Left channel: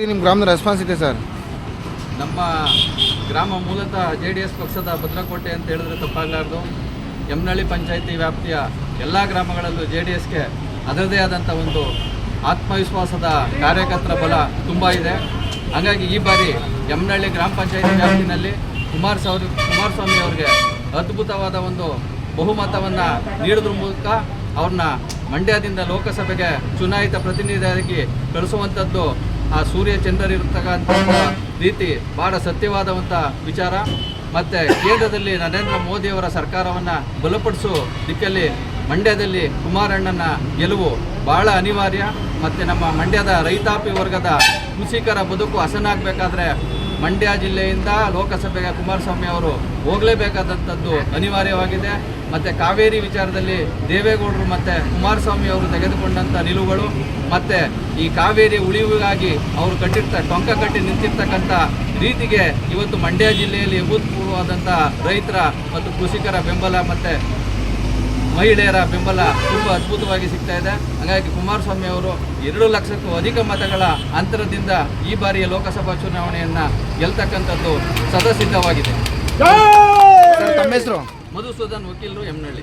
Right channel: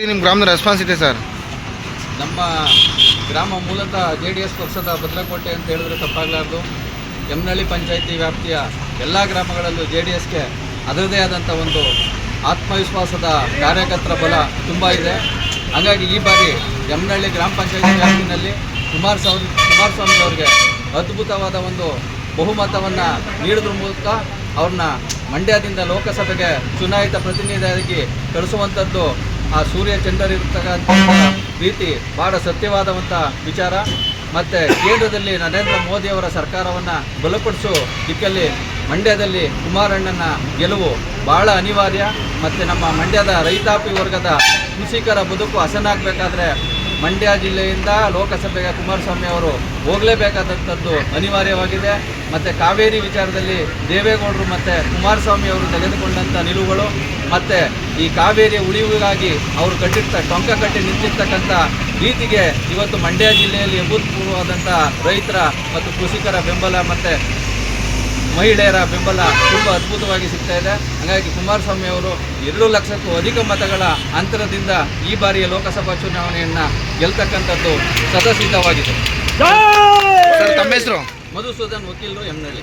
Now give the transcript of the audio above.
ನಿಮ್ಮ ಗ್ರಾಮದ ರೆಸ್ಪಾನ್ಸ್ ಇದೆ ಸರ್? ನಮ್ಮ ಗ್ರಾಮ ಮೂಲತಃ JDS ಪಕ್ಷದ ಭದ್ರಕೋಟೆ ಅಂತ ಹೇಳಿದ್ರೆ ತಪ್ಪಾಗಲಾರ್ದು. ಯಮನಹಳ್ಳಿ ಪಂಚಾಯಿತಿ ವ್ಯಾಪ್ತಿಯ ಎಲ್ಲ ಗ್ರಾಮಗಳಲ್ಲೂ JDSಗೆ ಅದರದೇ ಆದಂಥ ಒಂದು ಆತ್ಮವಿಶ್ವಾಸದ ಕಾರ್ಯಕರ್ತರ ಬಲ ತುಂಬ ಇದೆ. ಹಾಗಾಗಿ ಈ ಬಾರಿ ಯಮನಹಳ್ಳಿ ಗ್ರಾಮ ಪಂಚಾಯಿತಿ ವ್ಯಾಪ್ತಿನಲ್ಲಿ ಕುಮಾರಸ್ವಾಮಿ ಅವರಿಗೆ ಅದ್ಭುತವಾದ ಒಂದು ಬಹುಮತವನ್ನು ನೀಡೋದ್ರ ಮೂಲಕ ಅವ್ರನ್ನ ಮಂಡ್ಯದಿಂದ ಲೋಕಸಭೆಗೆ ಚುನಾಯಿತ ಪ್ರತಿನಿಧಿಯಾಗಿ ಕಳಿಸುವಂಥದ್ದು ಆ ಸೂರ್ಯ ಚಂದ್ರರಿರ್ತಕ್ಕಂಥ ರೀತಿ ಭಾಳ ಸತ್ಯವಾದಂಥ ವಿಚಾರ. ಮತ್ತು ಕೇಂದ್ರದಲ್ಲಿ ನರೇಂದ್ರ ಮೋದಿಯವರ ಸರ್ಕಾರವನ್ನು ಬಲಪಡಿಸೋ ದಿಕ್ಕಲ್ಲಿ ಮಂಡ್ಯದಲ್ಲಿ ಕುಮಾರಣ್ಣನ ಗೆಲುವು ಭಾಳ ಅನಿವಾರ್ಯ. ಮತ್ತು ನಮ್ಮ ಮಂಡ್ಯದ ರೈತಾಪಿ ವರ್ಗದ ಕೃಷಿಕರ ಬದುಕು ಹಸನಾಗಬೇಕಾದ್ರೆ ಮಂಡ್ಯ ಜಿಲ್ಲೆಯಿಂದ ಲೋಕಸಭೆಗೆ ಕುಮಾರಸ್ವಾಮಿ ಅವರು ಹೋಗಲೇಬೇಕಾದಂಥದ್ದು ಅನಿವಾರ್ಯವಾಗಿದೆ. ಮತ್ತು ಕಾವೇರಿ ವಿಚಾರದಲ್ಲಿ ದೇವೇಗೌಡರು ಮತ್ತು ಕುಮಾರಸ್ವಾಮಿ ಅವರು ತೆಗೆದುಕೊಂಡಂಥ ನಿಲುವುಗಳು ಮತ್ತು ಈ ಕಾವೇರಿ ಉಳಿವಿಗಾಗಿ ಅವರು ಟೊಂಕ ಕಟ್ಟಿ ನಿಂತಿರ್ತಕ್ಕಂಥ ರೀತಿಗೆ ಇವತ್ತು ಮಂಡ್ಯ ಜಿಲ್ಲೆಯಲ್ಲಿ ಅಭೂತಪೂರ್ವವಾದಂಥ ರೈತರ ಮತ್ತು ಕೃಷಿಕರ ಬೆಂಬಲ ಮತ್ತು ಮಹಿಳೆಯರ ಬೆಂಬಲ ತುಂಬ ಅದ್ಭುತವಾಗಿ ಸಿಗ್ತಾ ಇದೆ. ಹಾಗಾಗಿ ಕುಮಾರಸ್ವಾಮಿ ಅವರು 2 ಲಕ್ಷಕ್ಕೂ ಅಧಿಕ ಮತಗಳ ಅಂತರದಿಂದ ಈ ಬಾರಿಯ ಲೋಕಸಭಾ ಚುನಾವಣೆಯನ್ನು ಗೆಲ್ತಕ್ಕಂಥದ್ದು ಸದಸಿದ್ಧವಾಗಿದೆ. ತಮ್ಮ ಹೆಸರು? ಮಧುಸೂದನ್, ವಕೀಲರು, ಯಮನಹಳ್ಳಿ.